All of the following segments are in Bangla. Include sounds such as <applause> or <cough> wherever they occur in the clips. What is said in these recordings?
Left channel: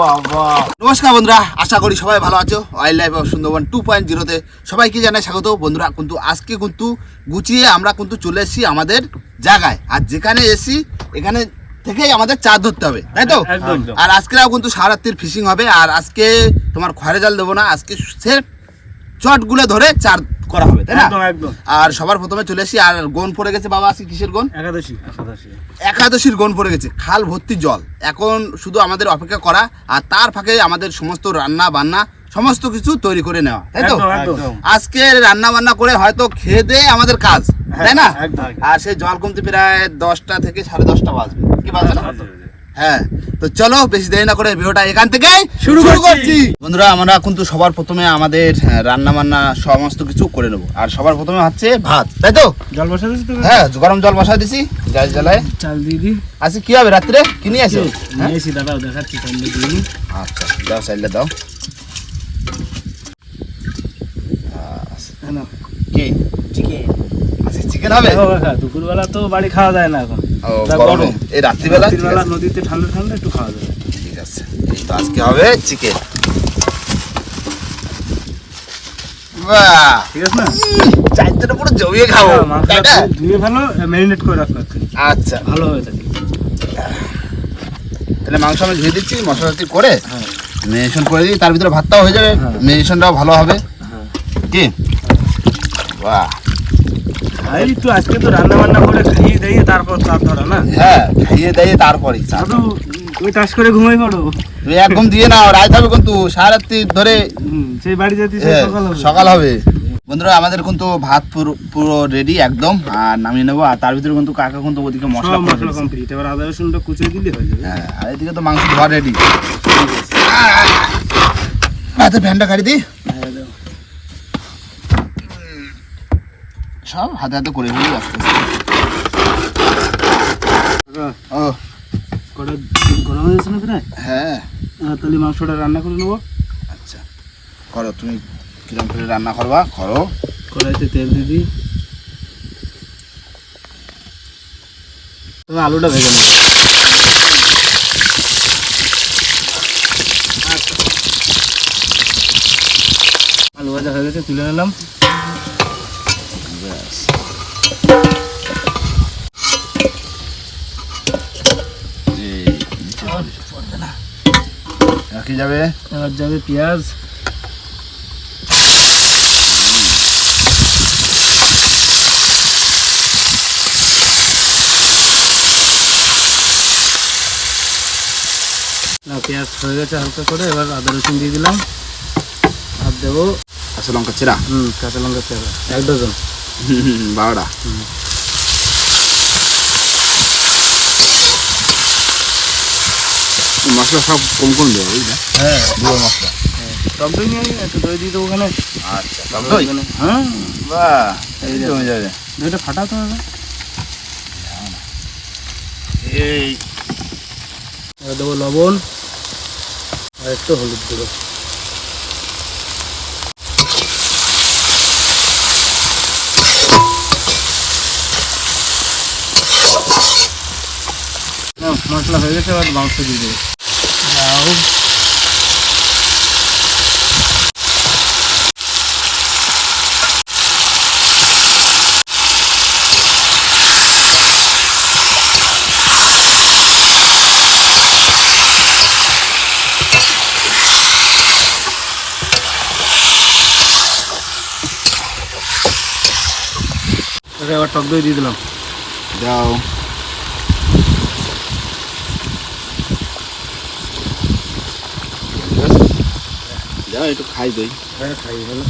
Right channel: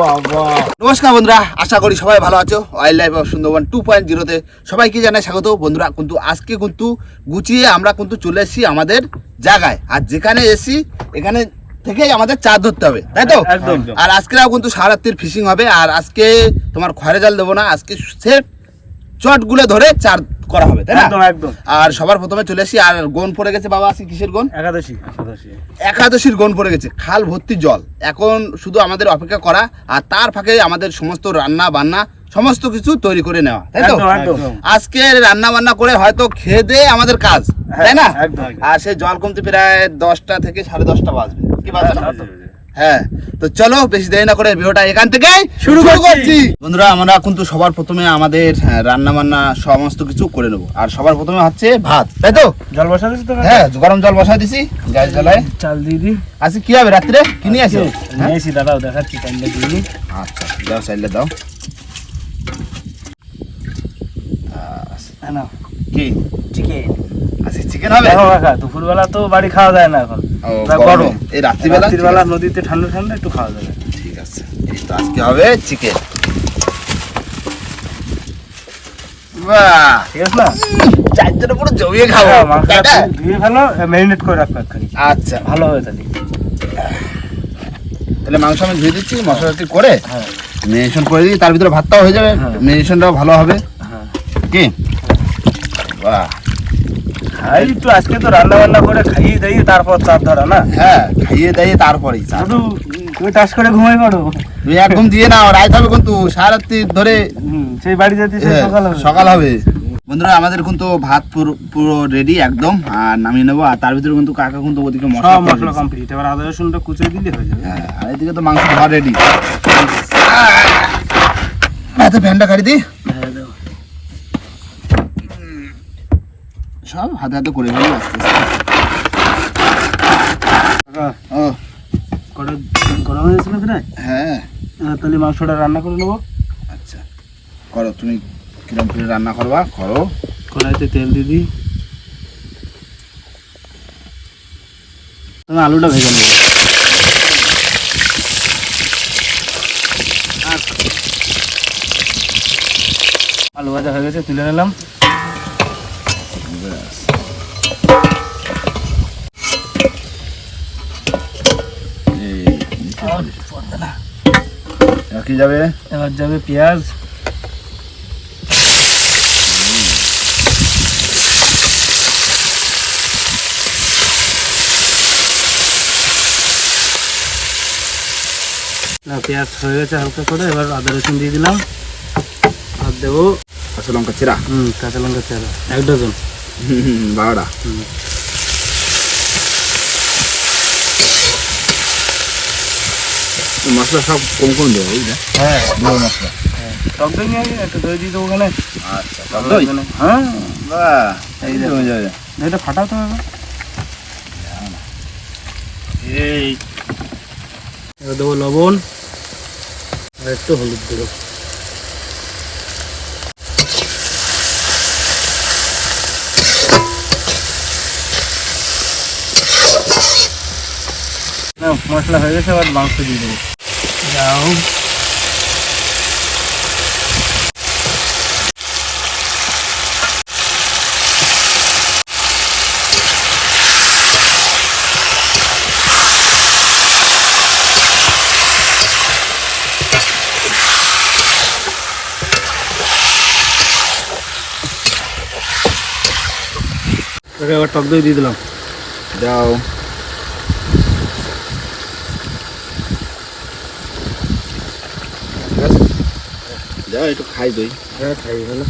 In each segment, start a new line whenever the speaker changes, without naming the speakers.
বাবা। নমস্কার বন্ধুরা আশা করি সবাই ভালো আছো। Wildlife of Sundarban two point জিরোতে সবাইকে জানাই স্বাগত। বন্ধুরা কিন্তু আজকে কিন্তু গুছিয়ে আমরা কিন্তু চলে এসেছি আমাদের জায়গায়। আর যেখানে এসি এখানে থেকেই আমাদের চার ধরতে হবে তাই তো। আর আজকেও কিন্তু সারাত্রির ফিশিং হবে। আর আজকে তোমার খয়রা জাল দেবো না আজকে সে চটগুলো ধরে চার করা হবে তাই না?
একদম একদম।
আর সবার প্রথমে চলে আসি আর গোন পড়ে গেছে বাবা আজকে কিসের গোন?
একাদশী একাদশী।
একাদশীর গন পড়ে গেছে খাল ভর্তি জল। এখন শুধু আমাদের অপেক্ষা করা আর তার ফাঁকে আমাদের সমস্ত রান্না বান্না সমস্ত কিছু তৈরি করে নেওয়া তাই তো? আজকে রান্না বান্না করে হয়তো খেয়ে দিয়ে আমাদের কাজ তাই না? আর সেই জল কমতে প্রায় দশটা থেকে সাড়ে দশটা বাজবে। কি বাজবে। না?
হ্যাঁ,
হ্যাঁ তো চলো বেশি দেরি না করে ভিডিওটা এখান থেকে
শুরু করছি।
করছি। বন্ধুরা আমরা কিন্তু সবার প্রথমে আমাদের রান্না বান্না সমস্ত কিছু করে নেব। আর সবার প্রথমে হচ্ছে ভাত তাই তো?
জল বসা
হ্যাঁ গরম জল বসাই দিছি গ্যাস জ্বালায়
চাল দিয়ে দিই
আজকে কি হবে রাত্রে? কি নিয়ে আসো? হ্যাঁ?
নিয়েছি দাদাও দেখাচ্ছি দিয়ে দিই
আচ্ছা দাও সাইডে দাও।
হ্যাঁ
কি?
চিকেন
চিকেন হবে?
দুপুরবেলা তো বাড়ি খাওয়া যায় না এখন।
গরমে। এই রাত্রিবেলা?
রাত্রিবেলা নদীতে ঠান্ডা ঠান্ডা একটু খাওয়া যাবে
ঠিক আছে। এই তো আজকে হবে চিকেন
হ্যাঁ,
আচ্ছা।
ভালো হয়ে থাকে।
তাহলে মাংস আমি ধুয়ে দিচ্ছি মশলাটি করে
হ্যাঁ।
মেরিনেশন করে দিই তার ভিতরে ভাতটাও হয়ে যাবে।
হ্যাঁ।
মেরিনেশনটাও ভালো হবে।
হ্যাঁ।
কি? বাহ।
একটু আজকে তো রান্না বান্না করে খাইয়ে দাইয়ে তারপর চার ধরা না?
হ্যাঁ খাইয়ে তারপরেই চা।
শুধু টাস করে ঘুমাই পড়ো।
তুমি একদম দিয়ে নাও রাত হবে কিন্তু সারাত্রি ধরে
সেই বাড়ি যেতে
হ্যাঁ,
সকাল হবে।
সকাল হবে। বন্ধুরা আমাদের কিন্তু ভাত পুরো রেডি একদম আর নামিয়ে নেব আর তার ভিতরে কিন্তু কাকা কিন্তু ওদিকে মশলা
মশলা। কমপ্লিট এবার আদা রসুনটা কুচিয়ে দিলে হয়ে যাবে।
হ্যাঁ আর এদিকে তো মাংস ধোয়া রেডি হাতে ফ্যানটা কাটি দি। সব হাতে হাতে করে ফেলি আস্তে আস্তে। ও
কড়া গরম হয়ে যাচ্ছে না প্রায়?
হ্যাঁ।
তাহলে মাংসটা রান্না করে নেব।
আচ্ছা করো তুমি কিরম করে রান্না করবা? করো।
কড়াইতে তেল দিয়ে দিই। তবে আলুটা ভেজে নেব। আলু ভাজা হয়ে গেছে তুলে নিলাম।
আর কি যাবে?
এবার যাবে পেঁয়াজ। পেঁয়াজ হয়ে গেছে হালকা করে এবার আদা রসুন দিয়ে দিলাম। আর দেবো
কাঁচা লঙ্কা চিরা
হুম কাঁচা লঙ্কা চেরা এক ডজন।
বারোটা
হুম।
মশলা সব কম কম দেবো বুঝলে
হ্যাঁ
গুঁড়ো মশলা।
টক দই নিয়ে একটু দই দিয়ে দেবো ওখানে।
আচ্ছা টক দই?
হ্যাঁ।
বাহ এই হয়ে যাবে।
দইটা ফাটাতে হবে এই। দেবো লবণ আর একটু হলুদ দেবো। না, মশলা হয়ে গেছে এবার মাংস দিয়ে দেবো। যাও ওকে এবার টক দই দিয়ে দিলাম
দাও দাও একটু খাই দই।
হ্যাঁ খাই ভালো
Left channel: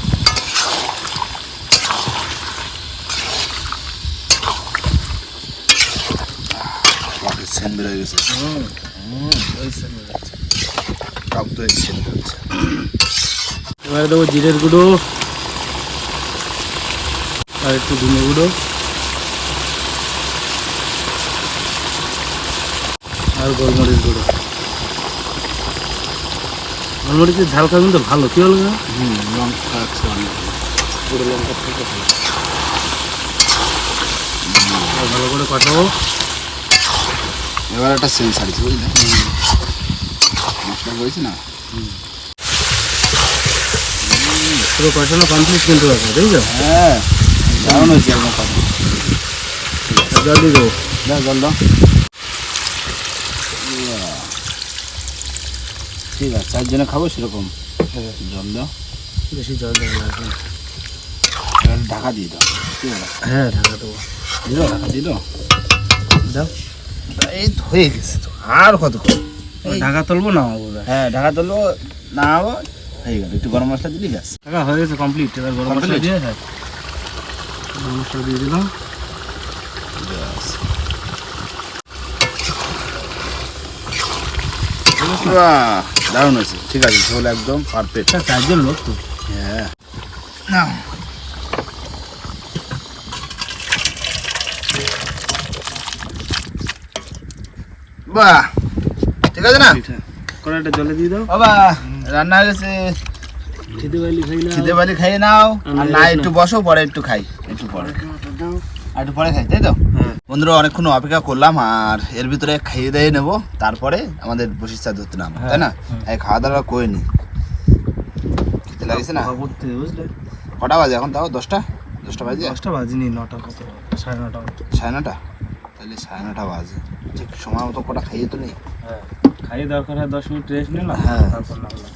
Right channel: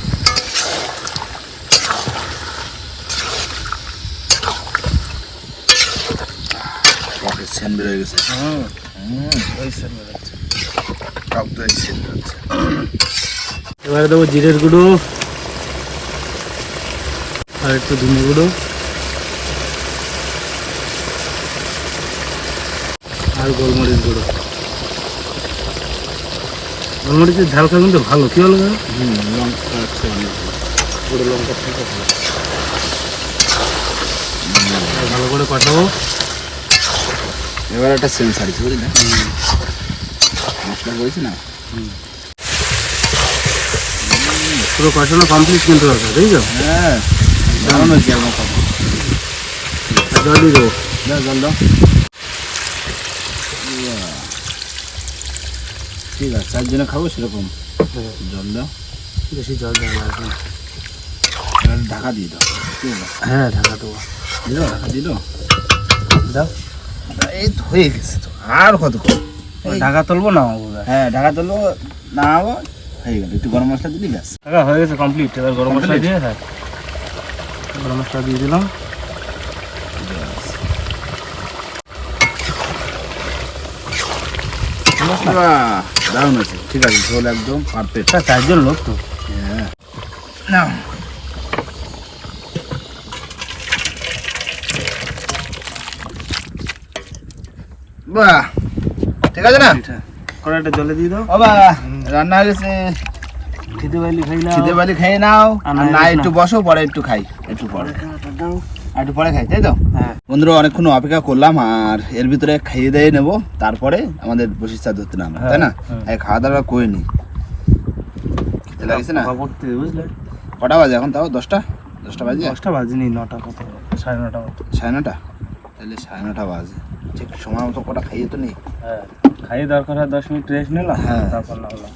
টকের সেন গেছে।
হুম
হুম
ওই স্যার যাচ্ছে
টক দই সেন বেরোচ্ছে
এবারে দেবো জিরের গুঁড়ো আর একটু ধনে গুঁড়ো। আর গোলমরিচ গুঁড়ো। গোলমরিচের ঝালটা কিন্তু ভালো। কি হলো?
হুম আচ্ছা।
গুঁড়ো লঙ্কা ভালো। করে কষাবো
এবার একটা সেন্স আছে বুঝলে? মশলা হয়েছে না?
পুরো কষানো কমপ্লিট কিন্তু আছে বুঝছ
হ্যাঁ দারুণ হয়েছে এরকম কথা
জল দিয়ে দেবো।
জল দাও। ঠিক আছে চারজনে খাব সেরকম। জল দাও।
বেশি জল।
এবার ঢাকা দিয়ে দাও
হ্যাঁ ঢাকা দেবো।
দিল ঢাকা দিল
দাও।
এই তো হয়ে গেছে তো আর এই-
ঢাকা তুলবো না
হ্যাঁ ঢাকা তুলবো না হয়ে গেল। একটু গরম মশলা দিলি ব্যাস।
ঢাকা হয়ে গেছে কমপ্লিট এবার গরম মশলা দিয়ে গরম মশলা দিয়ে দিলাম
বাহ, দারুণ আছে ঠিক আছে ঝোল একদম পারফেক্ট
এটা চারজন লোক তো।
হ্যাঁ। না বাহ ঠিক আছে না?
কড়াইটা জলে দিয়ে দাও।
বাবা রান্না হয়ে গেছে।
খিদে পাইলে খাই
খিদে বালি নাও।
আর না
না একটু বসো পরে একটু খাই। একটু পরে।
দাও।
আর একটু পরে খাই তাই তো?
হ্যাঁ।
বন্ধুরা অনেকক্ষণ অপেক্ষা করলাম আর এর ভিতরে খাইয়ে দিয়ে নেব। তারপরে আমাদের বসির চা ধরতে নাম তাই না?
হ্যাঁ।
এই খাওয়া দাওয়া করে নি। খেতে লাগছে না?
বুঝলে?
কটা বাজে এখন তাও? দশটা? দশটা বাজে?
দশটা বাজিনি নটা কত? সাড়ে নটা
সাড়ে নটা? তাহলে সাড়ে নটা বাজে। ঠিক সময় মতো কটা খাইয়ে তো নেই
হ্যাঁ খাইয়ে দরকার হয় দশ মিনিট রেস্ট নিলাম
হ্যাঁ।
তারপর না হলো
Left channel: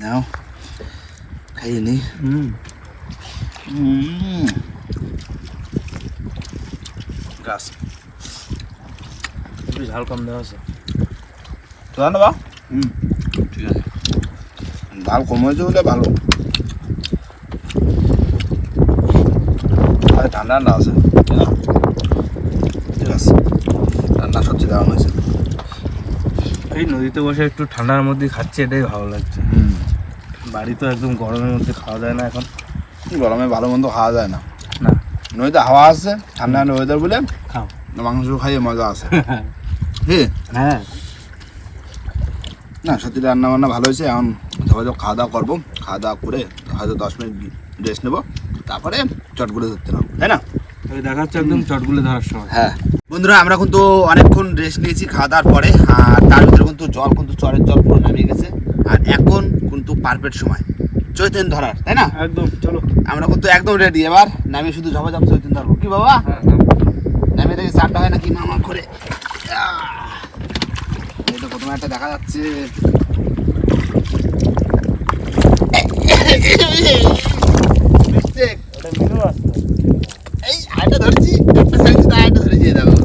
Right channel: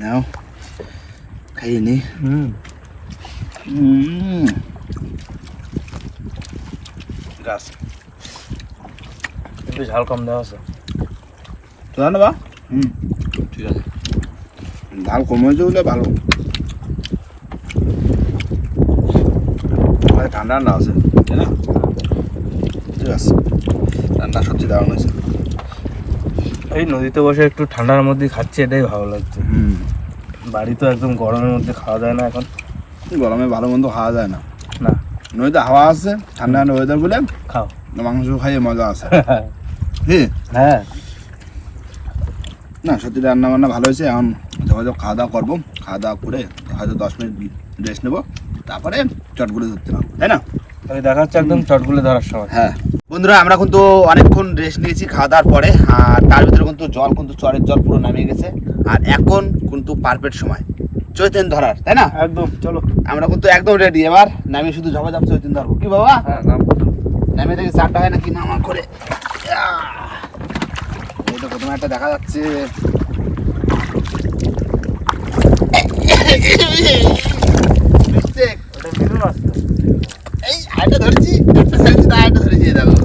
নাও খাইয়ে নি
হুম
গাছ
একটু ঝাল কম দেওয়া আছে
তো না হুম ঠিক আছে ডাল কম হয়েছে বলে ভালো আর ঠান্ডা ঠান্ডা আছে তাই না ঠিক আছে রান্না সত্যি দারুণ হয়েছে
এই নদীতে বসে একটু ঠান্ডার মধ্যে খাচ্ছি এটাই ভালো লাগছে।
হুম
বাড়ি তো একদম গরমের মধ্যে খাওয়া যায় না এখন।
গরমে ভালো মন্দ খাওয়া যায় না।
না।
নদীতে হাওয়া আছে ঠান্ডা ওয়েদার বলে
খাও।
মাংস খাইয়ে মজা আছে। <laughs>
হ্যাঁ।
না সত্যি রান্না বান্না ভালো হয়েছে এখন যোগাযোগ খাওয়া দাওয়া করব। খাওয়া দাওয়া করে হয়তো দশ মিনিট রেস্ট নেব। তারপরে চটগুলো ধরতে পারব তাই না?
তবে দেখা যাচ্ছে একদম চটগুলো ধরার সময়।
হ্যাঁ। বন্ধুরা আমরা কিন্তু অনেকক্ষণ রেস্ট নিয়েছি খাওয়া দাওয়ার পরে আর তার ভিতরে কিন্তু জল কিন্তু চরের জল পুরো নামিয়ে গেছে। আর এখন কিন্তু পারফেক্ট সময়। চৈতেন ধরার তাই না?
একদম চলো।
আমরা কিন্তু একদম রেডি এবার নামিয়ে শুধু ঝপা ঝপ চৈতেন ধরবো। কি বাবা?
হ্যাঁ নাম
দেখি চারটা হয় নাকি? মামা করে। প্রথমে একটা দেখা যাচ্ছে. এই ধরেছি। একটা সাইজে দেখো।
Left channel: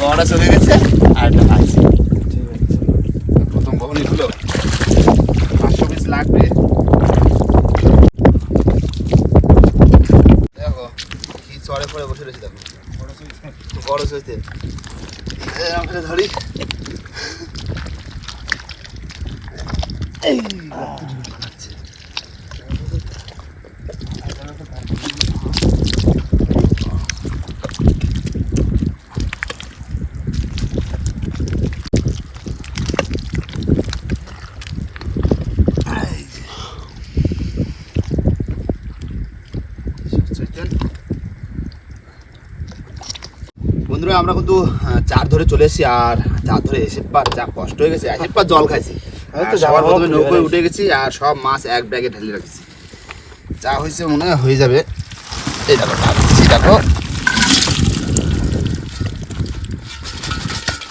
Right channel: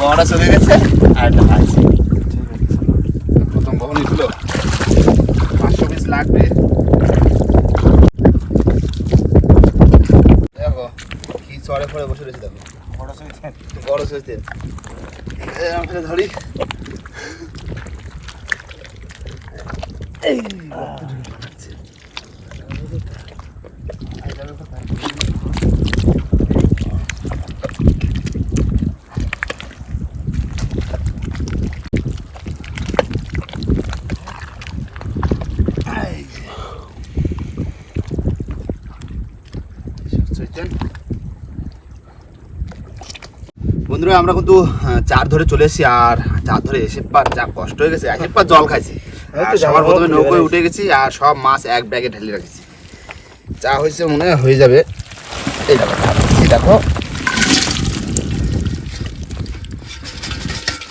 বড়টা চলে গেছে পাইছি প্রথম বহনই হলো পাঁচশো পিস লাগবে দেখো কি চড়ে পড়ে বসে রয়েছে দেখো বড় সাইজে আমাকে ধরি এই এই যে। চৈতেন। বন্ধুরা আমরা কিন্তু চার ধরে চলে এসেছি আর চার ধরে এসে পার যা কষ্ট হয়ে গেছে এসে পার জল খাইছি। সবার প্রথমে নৌকোয় উঠে গেছি আর সব মাছ এক ব্যাগে ঢেলে রাখছি। যা হয়েছে মনে হয় হয়ে যাবে। এই দেখো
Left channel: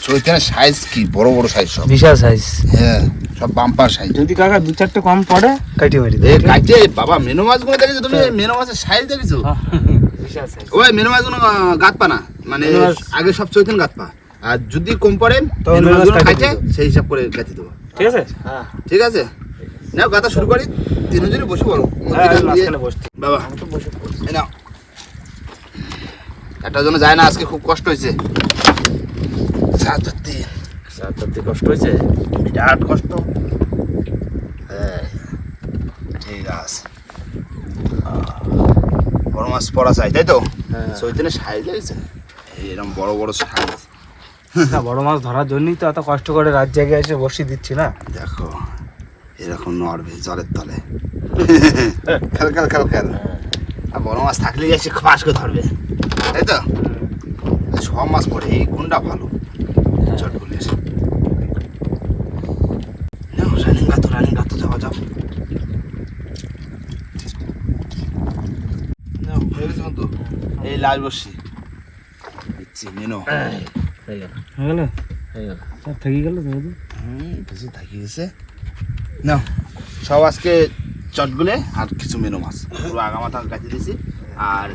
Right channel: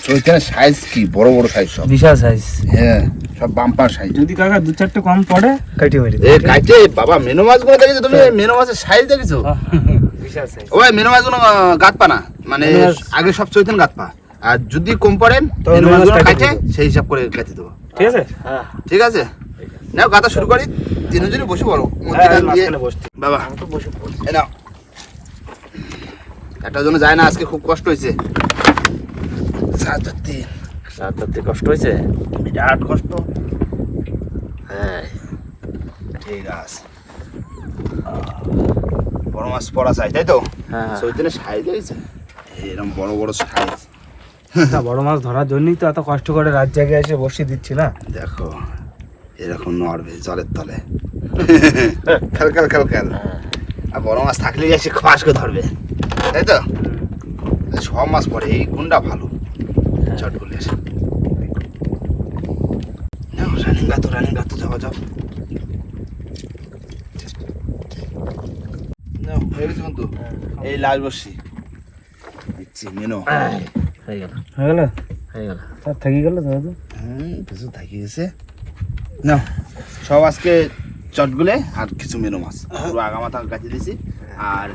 চৈতেনের সাইজ কি? বড় বড় সাইজ সব?
বিশাল সাইজ
হ্যাঁ সব বাম্পার সাইজ
যদি কাকা দু চারটে কম পড়ে কাটি মেরি
এ কাইটে বাবা মেনো মাছগুলো দেখেছ তুমি? মেনো মাছের সাইজ দেখেছ?
সাইজ
ওই মেনো মাছগুলো আহ, গাত পা না। মানে আগে সব চৈতেন গাত পা আর যদি কম পড়েন মেনো
মেনো
খাইতে
দেবো।
সেই হিসাব করে গাঁথি দেবো।
ঠিক আছে? হ্যাঁ।
ঠিক আছে? নাও গাতা শুরু করি। তিনজনই বসে বলো বাবা এই নাও। একটা জন্য যায় না আজকে খুব কষ্ট হয়েছে। সাত ধরতে
সাত ধরতে কষ্ট হয়েছে?
বিরাট কষ্ট। ঠিক আছে। বড় মাছ পড়া চাই তাই তো?
হ্যাঁ
চৈতন্য সাইজ হয়েছে এরকম বড় বড় সাইজ।
বড় মাছ ধরার জন্যই তো এত কষ্ট করে রাত জায়গায় এসে বসিয়ে দিচ্ছি না?
দেখো এরকম নড়বে জলের তলে। খেল খেল খেল খেল। আর বড় মাছ থাকলে এসে খাস করে ধরবে তাই তো? সব মাছ পড়ে এই গুন্ডা ভালো। চটগুলি এসে। নাও রানিং গাতো রানিং গাতো যাওয়া যাও নাও, হয়ে গেছে কিন্তু। এই লাল বসি দিচ্ছি
হয়ে গেল। হয়ে গেল? হয়ে গেল। সব থেকে গেল দাদা
হুম কিছু থাকি গেছে। না সব আজকে চটগুলে আর কিছু মেনু মাছ। কাটিয়ে দিয়েছি। আর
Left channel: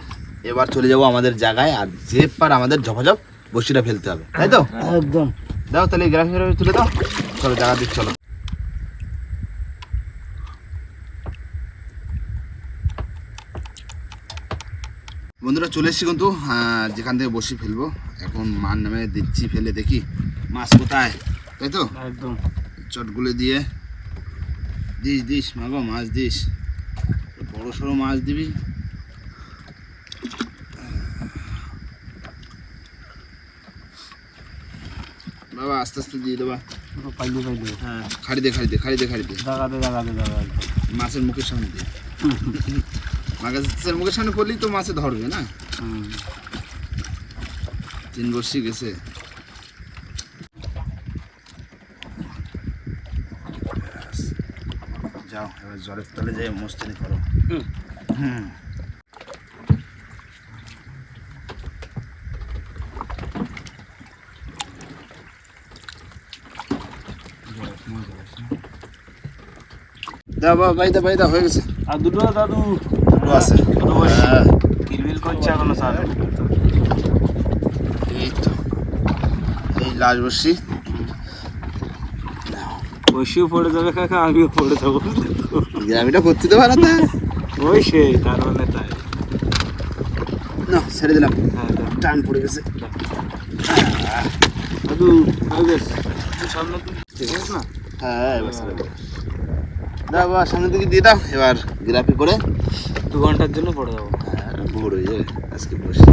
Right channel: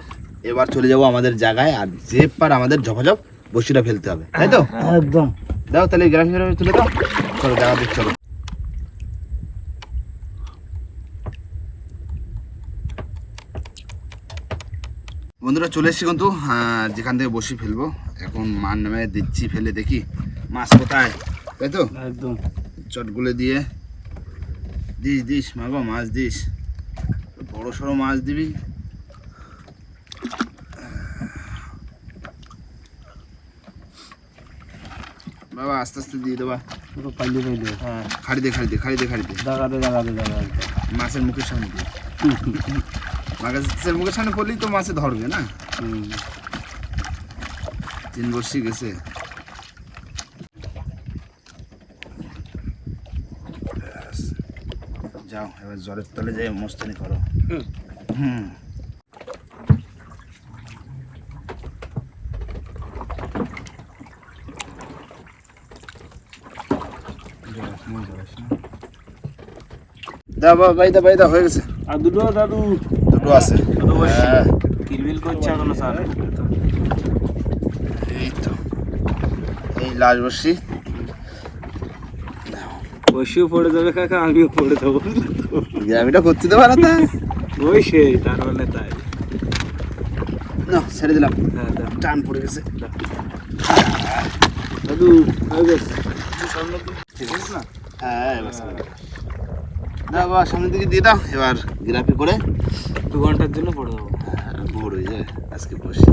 এবার চলে যাব আমাদের জায়গায় আর যে পার আমাদের ঝপাঝপ বসিটা ফেলতে হবে। তাই তো?
একদম।
দাও তাহলে গ্রাফি গ্রাফি তুলে দাও। চলো জায়গা দিক চলো বন্ধুরা চলে এসেছি কিন্তু যেখান থেকে বসি ফেলব। এখন মান নামে দিচ্ছি ফেলে দেখি মাছ কোথায়? তাই তো?
একদম।
চটগুলো দিয়ে। দিস দিস মাগো মাছ দিস। বড় সড়ো মাছ দিবি। বাবা আস্তে আস্তে দিয়ে দেবা
পুরো পাইলে পাইলে।
হ্যাঁ খাড়ি দে খাড়ি দে খাড়ি দে খাড়ি দে। মাছের মুখের সামনে দিয়ে। <laughs> মাছের মুখের সামনে করলেই তো মাছে ধরবে না? তিন বর্ষি গেছে। যাও এবার জলের তলে যাই মস্তানি করো।
হুম।
হুম। দা বাবা বাই দা বাই দা হয়ে গেছে।
আর দুটো দাদু।
দুটো আছে। হ্যাঁ।
কিলবিল করছে এখনও স্যার?
এই তো। এই লাল বর্ষি
বসিও পড়ে যাবে কাকা আমিও পড়ে যাব।
গ্রামিটা করতে দেবো না তা
ওই সেই তার মানে তাই।
না ছেড়ে দিলাম।
হ্যাঁ
টান পড়ে গেছে।
দাদু হয়ে তো
না? হ্যাঁ এবার সামনের দিকে। দিয়ে দাও। এবার গ্রাফি করে।
দু ঘণ্টার জন্য পড়ে যাব।
ভোর হয়ে যাবে আজকে বসে।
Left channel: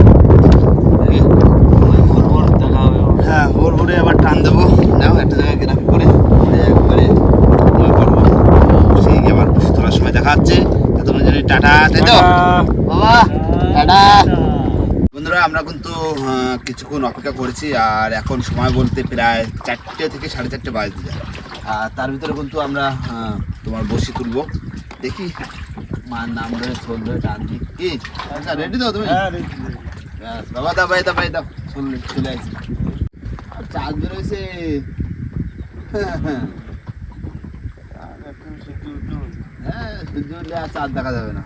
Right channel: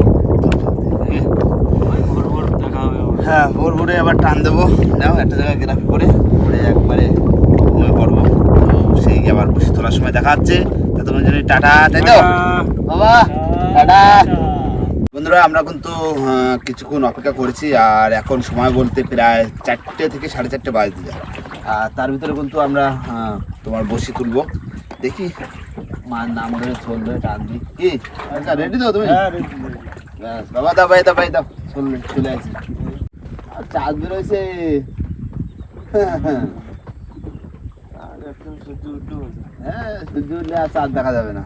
ভোর ভোর দেখা হবে
হ্যাঁ ভোর ভোরে আবার টান দেবো। নাও একটা জায়গায় গ্রাফি করে করে একবারে ঘুমিয়ে পড়ব। সেই আবার বসে তোলার সময় দেখা যাচ্ছে ততক্ষণ জন্য টাটা তাই তো? বাবা টাটা। বন্ধুরা আমরা কিন্তু কিছুক্ষণ অপেক্ষা করেছি আর এখন সময় বলতে প্রায় চারটে থেকে সাড়ে চারটে বাজতে যায়। আর তার ভিতরে কিন্তু আমরা তোমার বসি তুলবো। দেখি। মার নাম ধরে ছোল ধরে টান দিই। কি? আচ্ছা রেডি তো তুমি?
হ্যাঁ।
ব্যাস, বাবা দা ভাই দা ভাই দাও। চলে চলে আসি। আর চাঁদ বেরোইছে। হ্যাঁ, হ্যাঁ।
সূর্য উঠল।
হ্যাঁ আর চাঁদ দেখা যাবে না।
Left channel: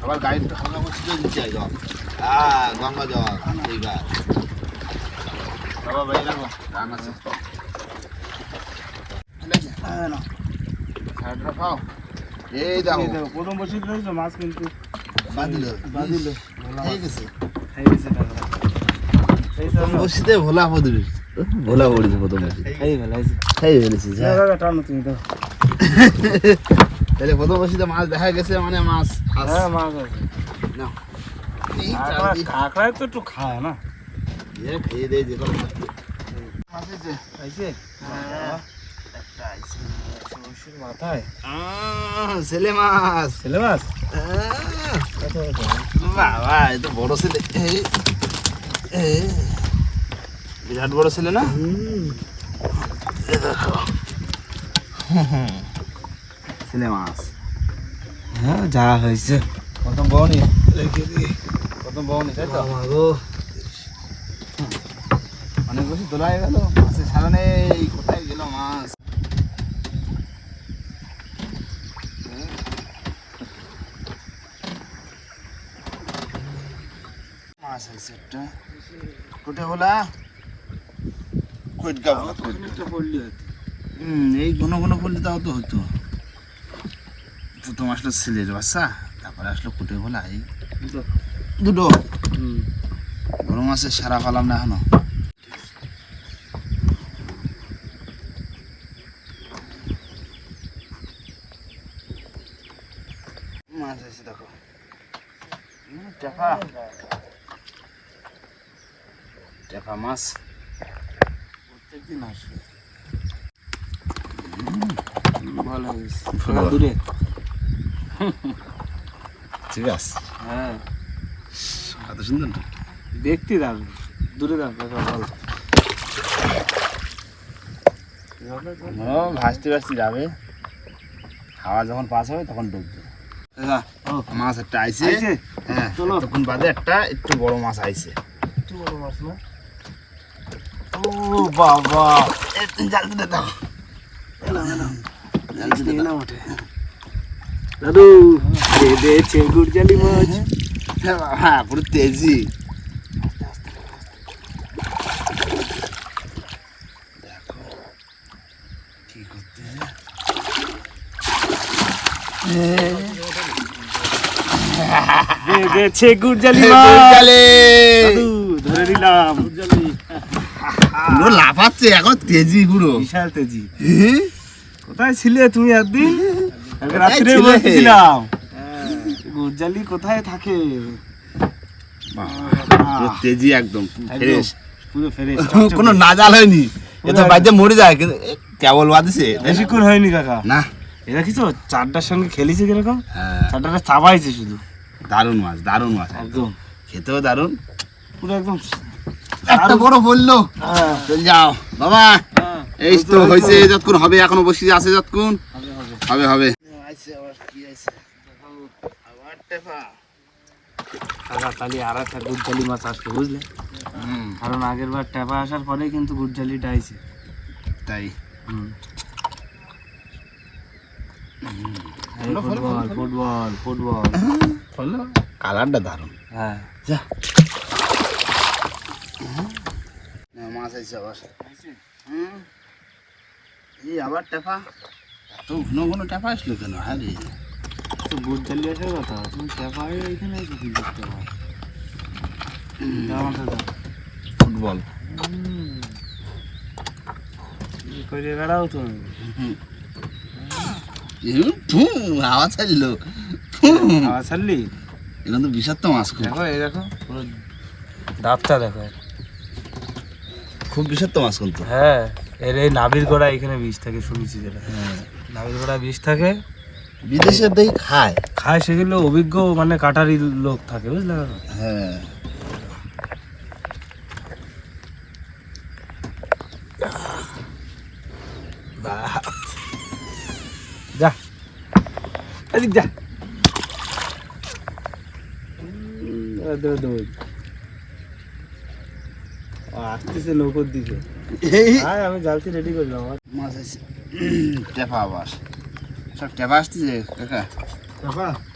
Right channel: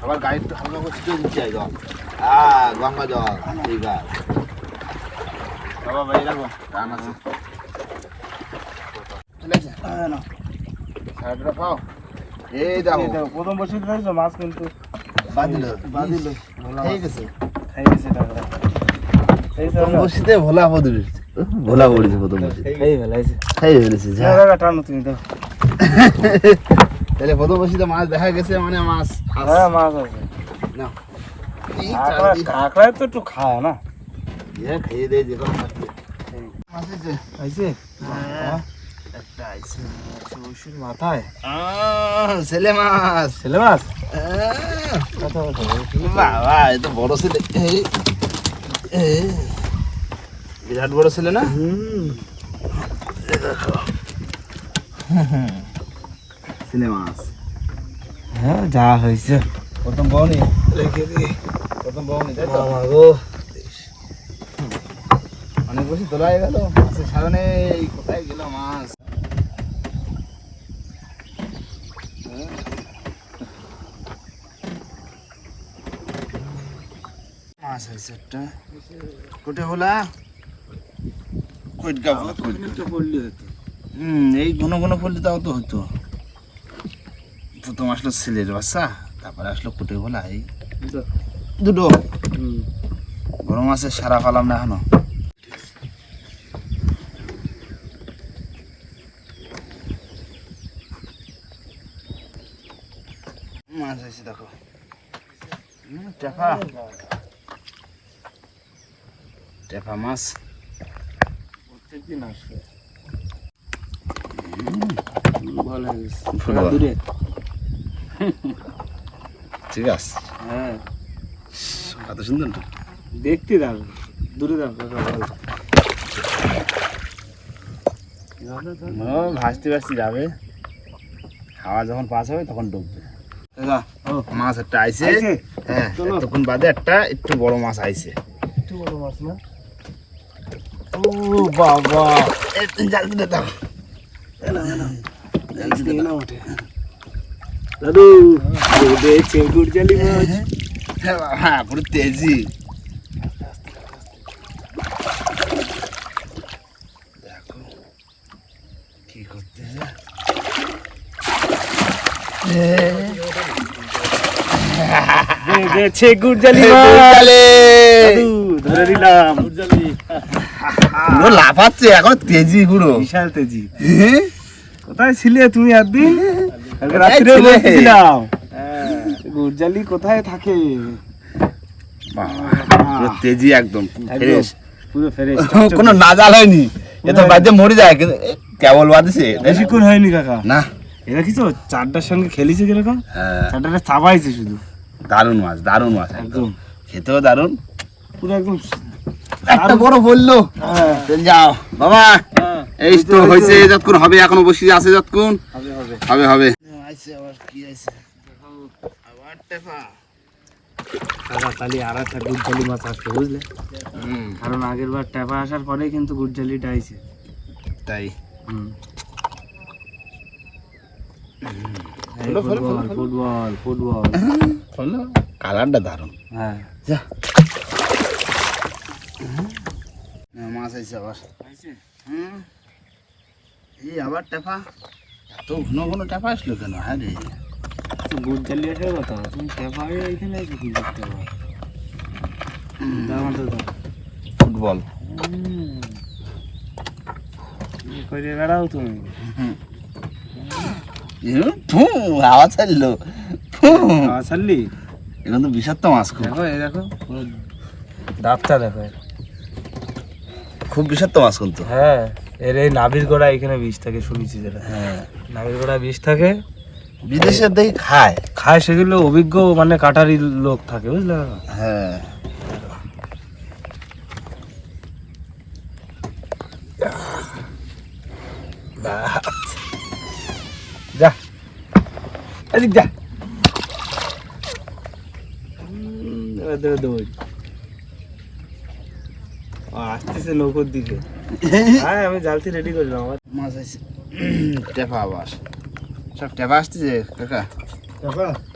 সবার গাড়ি একটু হালকা করে ছিটিয়ে দিচ্ছি এই জল। হ্যাঁ গঙ্গা জল। ঠিক আছে। বাবা ভাই রাখো। রান আছে
হ্যাঁ, না।
সাইডটা পাও এই দেখো,
প্রথম বসে রয়েছে মাছ কিন্তু
বাঁধিল।
বাঁধিল।
ঠিক আছে
খাই গেছে। টাকা
প্রথম বসিতে ভোলা পড়বে ভোলা পড়েছে প্রথম বসি
খাই ফেলাইছে
খাই ফেলেছি
টাকা টানো তুমি তো
তাহলে প্রথম বসিতে মাছ দেখা গেছে মানে মাছ
হ্যাঁ মাছ আছে। কাঁকড়ায় তো একটু খায় না?
খেয়ে দেয় যে কোনো মাছ দিয়ে। মাছ হ্যাঁ।
চৌষির মাথায়।
ছেলে মাছ।
ছেলে মাছ?
বাবা এ তো বড় ছেলে। বিরাট বড় ছেলে না? ছেলে মাছ।
হ্যাঁ যা হয়েছে।
প্রথম বউনি।
রেখে দি।
প্রথম বউনি তাই তো?
গো।
অনেক বেশি তোলা হয়ে গেল। মাছের সামনে কোথায় একটা কোটে এই ঘন ঘন পড়লি তাও তো হতো। প্রথম আসলো ছেলের বাচ্চা তারপরে আসলো কোটে এই দুটো। গরম আছে সারা পালাম না এখনও। মাছ হয়েছে দেখো। টাকা টেপা মাছ।
প্রত্যেকদিন
ঠিক আছে।
হ্যাঁ।
কত সুন্দর
দেখতে দাঁড়ান দূরে দাঁড়ান
ও ভাসতে ভাসতে যাবে। হাওয়া যখন পাস হবে তখন ডুববে মাছ একটা আইছে? হ্যাঁ। তখন বাদে একটা একটু বড় মাছ আইসে
একটু বড় মাছ না?
ও বাবা। একটু জাল দিতে দাও জাল দিতে দাও
ওঠে দাদু দেখছে গুড়জালি মাছ
হ্যাঁ? পুরো তেজি দেখো কি করতে
গুড়জালি <laughs> ধরে দিলাম গুড়জালি
পুরো লাফাচ্ছে এখন তেজি পুরো।
বিশাল তেজি।
হ্যাঁ?
কোথায় ছিলে তুমি একদিন? রাত্রে? বলছিলাম গুড়জালি কোথায় থাকে?
তেজি একদম ফ্রেশ।
পুরো
কোনো নাজাল হয়নি। এ তো বাড়িতে মরে যায় কিন্তু কেবল বাদিছে
বেশিক্ষণ হয়নি কাকা।
না।
এরা কি তো চারটার সঙ্গে খেলিছে কীরকম?
হ্যাঁ।
চারটাটা চাবাইছে শুধু।
দারুণ মাছ দারুণ মাছ একদম।
একদম।
খেতেও দারুণ।
পুরো একদম
একটা বড় বলল।
হ্যাঁ,
চল যাও। বাবা
হ্যাঁ,
এই তো হয়েছে যতক্ষণ হবে এখনও বসে আছে যতক্ষণ।
হবে হবে। কারণ আগের বার ট্যাপা আসার পরেই কিন্তু গুড়জালিটা আইছে।
তাই। ফলো,
ফুটবল ফুটবল
কালারটা দারুণ।
হ্যাঁ।
মাছ আছে আবার। হুম? এই আবার টেপা? এত ঘন ঘন টেপা আসলো কেন? হ্যাঁ রে।
আসার কথা। তুমি ট্যাপারে এখানে কি দেখতে পাবো তো
ফুটবল।
করে বেড়াও তুমি?
হাওয়া ছাড়লো।
ছাড়লি?
এখন তো বিষাক্ত মাছ
দেখো এই দেখো দাঁতটা দেখো।
খুব বিষাক্ত মাছ কিন্তু।
হ্যাঁ এর এই নাভির গোড়া এখানে বিষ থাকে শুনেছি যেটা।
হ্যাঁ।
নাভির গোড়া বিষ থাকে।
বিদেশের দেখি খায়।
খায় সেগুলো অভিজ্ঞ মানে কাটারি লোক থাকে বুঝলে?
হ্যাঁ।
যা। এদিক যা। দেবো। আসতেছে নৌকোর দিকে। হ্যাঁ আমি জালতি রেডি করলাম আমার
মাছ আছে। টেপা আবার। সব টেপা আসতেছে কাকা?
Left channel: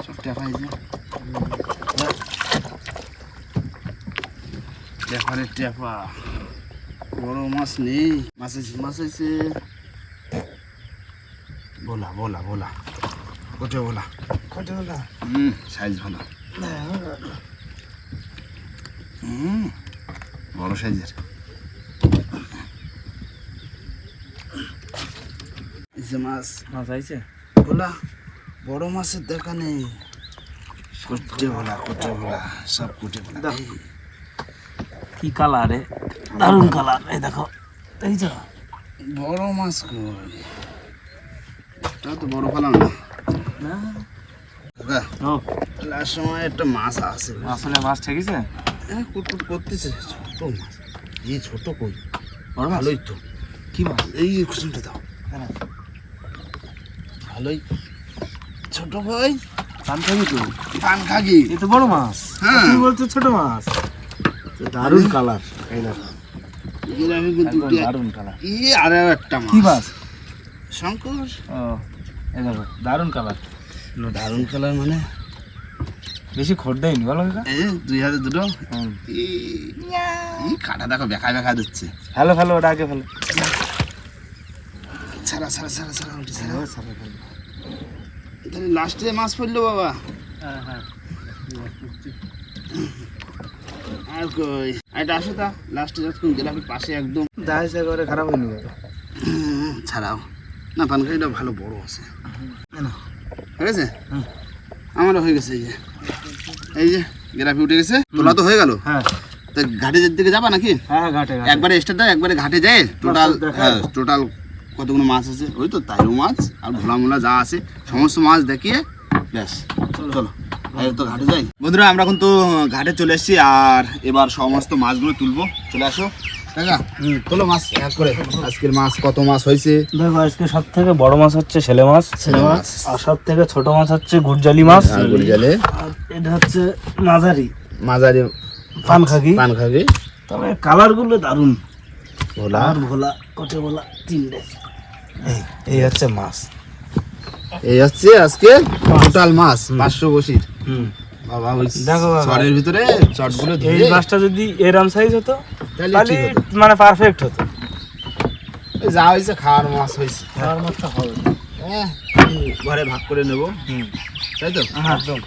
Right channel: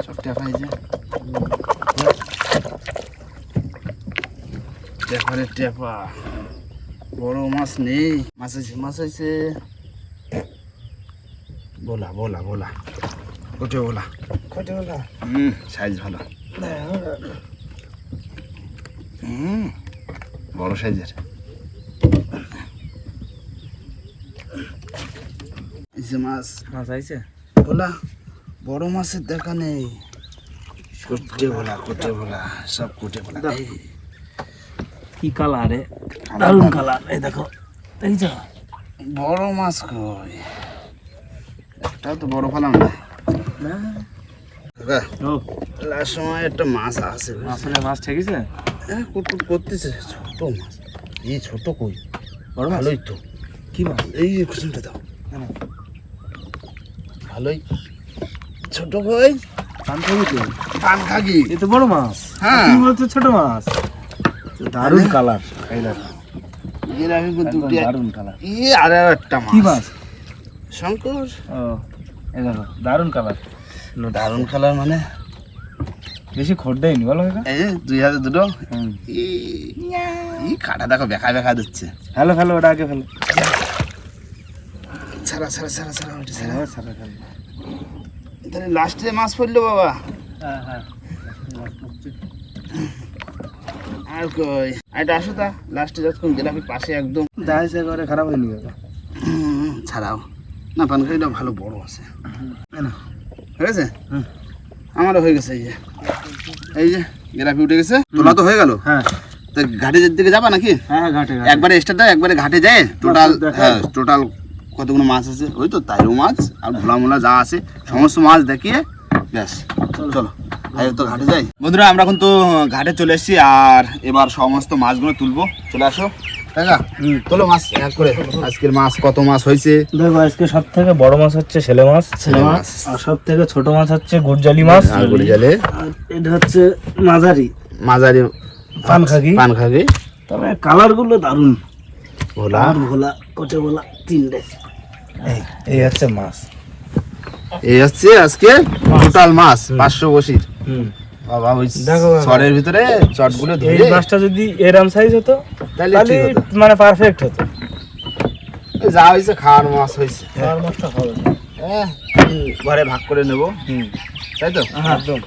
সব টেপা হয়েছে টেপারে টেপা। বড় মাছ নেই। মাছ আছে মাছ আছে। বলা বলা বলা। কোটে বলা।
কত বলা?
হুম সাইজ ভালো। হুম। বড় সাইজের। যে মাছ।
মাছ আইছে?
বলা বড় মাছের দেখা নেই। কোটে বলা কোটে বলা সব কোটে বলা
কি কালার রে? দারুণ কালার এই দেখো দেখছ
বড় মাছ কই? এটাও তো বড় ফেলাম না। কাকা লাস্ট সময় একটা মাছ আছে
আসলে মাছ ঠেকেছে?
হ্যাঁ কুটকুট করতেছে। ছোট মাছ। এই ছোট কই?
বড় মাছ?
ভালোই তো।
কি মাছ?
এই যে কুসুমটা দাও। ভালোই। ছোট কই?
তো।
পান
এ তো বড় মাছ।
হ্যাঁ।
তুমি বলছো ছোট মাছ। দারুণ কালার। এই দেখো।
গেলামি দুটি
দারুণ কালার।
ই আরে একটা
কি
মাছ। শঙ্কর।
ও দারুণ কালার।
দারুণ কালার মানে?
বেশি খোট দেয়নি বলো
এই যে দুই হাজার দুটো।
হুম।
ই- ই কাটা দেখো বেকা বেকা দিচ্ছে।
ফেলো ফেলো ওটা আগে ফেলো
ছাড়া ছাড়া ছাড়া ছাড়া ওটা ছাড়া।
হ্যাঁ ফেলো
তাহলে লাস্টে মাছ পড়ল বাবা?
হ্যাঁ হ্যাঁ।
আর কই? আর এটা আসো তা লাস্টে যতক্ষণ গেলাম পাশে একদম।
সে করে খারাপ হয়নি
হুম, ছাড়াও। না পানখাড়িটা ভালো বড় আছে।
না
ঠিক আছে
হুম।
আমারও হয়ে গেছে এই যে। এই যে গ্রাফি উঠে গেছে। তোলা তো হয়ে গেল?
হ্যাঁ।
তো ঘাটের দিকে যাবা নাকি?
হ্যাঁ ঘাটে ঘাটে।
একবারে স্টার্ট দাও একবারে ঘাটে যায়? টোটাল হ্যাঁ টোটাল কতগুলো মাছ আছে? ওই তো তাইও মাছ আর ভোলা মোলা যা আছে সমস্ত মাছ দেখিয়ে ব্যাস। চলো। এই তো ঘাটে যাই। বন্ধুরা আমরা কিন্তু ঘাটে চলে এসেছি আর এবার সমস্ত মাছগুলো তুলবো। চলে আসো। টাকা?
হুম।
তোলো মাছ এক করে। আজকের মাছ কত মাছ হয়েছে?
দেখো আজকে সব থেকে বড় মাছ হচ্ছে ছেলে মাছ। ছেলে মাছ। আর সব থেকে ছোট মাছ হচ্ছে গুরজালি মাছ। এটা হচ্ছে মাঝারি।
মাঝারি
পান খাগি
পান খাবি
তবে কালারগুলো
ভোলা।
আর ভোলা কোটে ভোলা তিনটে। এই এই হচ্ছে মাছ।
এই হচ্ছে আজকে টোটাল মাছ পাঁচশো বসির।
হুম।
বাবা ওই চরের ভিতরে চটগুলো
এই মাছটা যদি এরম সাইজ হতো
তাহলে।
মানে পারফেক্ট হতো।
যা হয়েছে খাওয়ার মাছ হয়েছে।
আর মাছটা হবে
এহ, ঘরে ভাগ করে নেব।
হুম।
তাই তো?
একদম।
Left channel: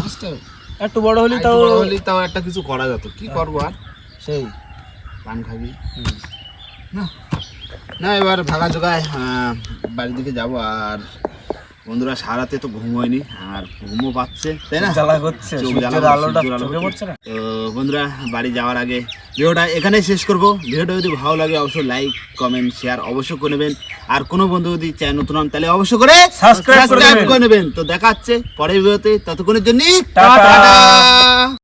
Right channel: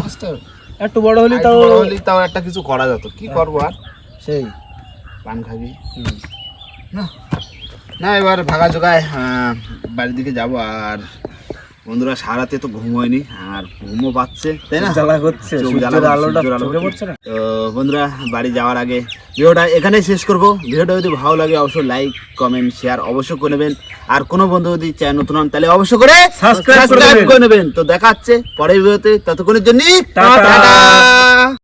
মাছটা
একটু বড় হলে তাও
বড় হলেই তাও একটা কিছু করা যেত। কি করব আর?
সেই।
পান খাবি।
হুম।
না। না এবার ভাগা জোগায় আহ, বাড়ির দিকে যাব। আর বন্ধুরা সারাতে তো ঘুম হয়নি আর ঘুমও পাচ্ছে তাই না?
জ্বালা করছে
তো বন্ধুরা বাড়ি যাওয়ার আগে ভিডিওটা এখানে শেষ করব। ভিডিওটা যদি ভালো লাগে অবশ্যই লাইক কমেন্ট শেয়ার অবশ্যই করে নেবেন। আর কোনো বন্ধু যদি চায় নতুন হন তাহলে অবশ্যই করে সাবস্ক্রাইব
নেবেন।
করে নেবেন। তো দেখা হচ্ছে পরের ভিডিওতে ততক্ষণের জন্য। টাটা।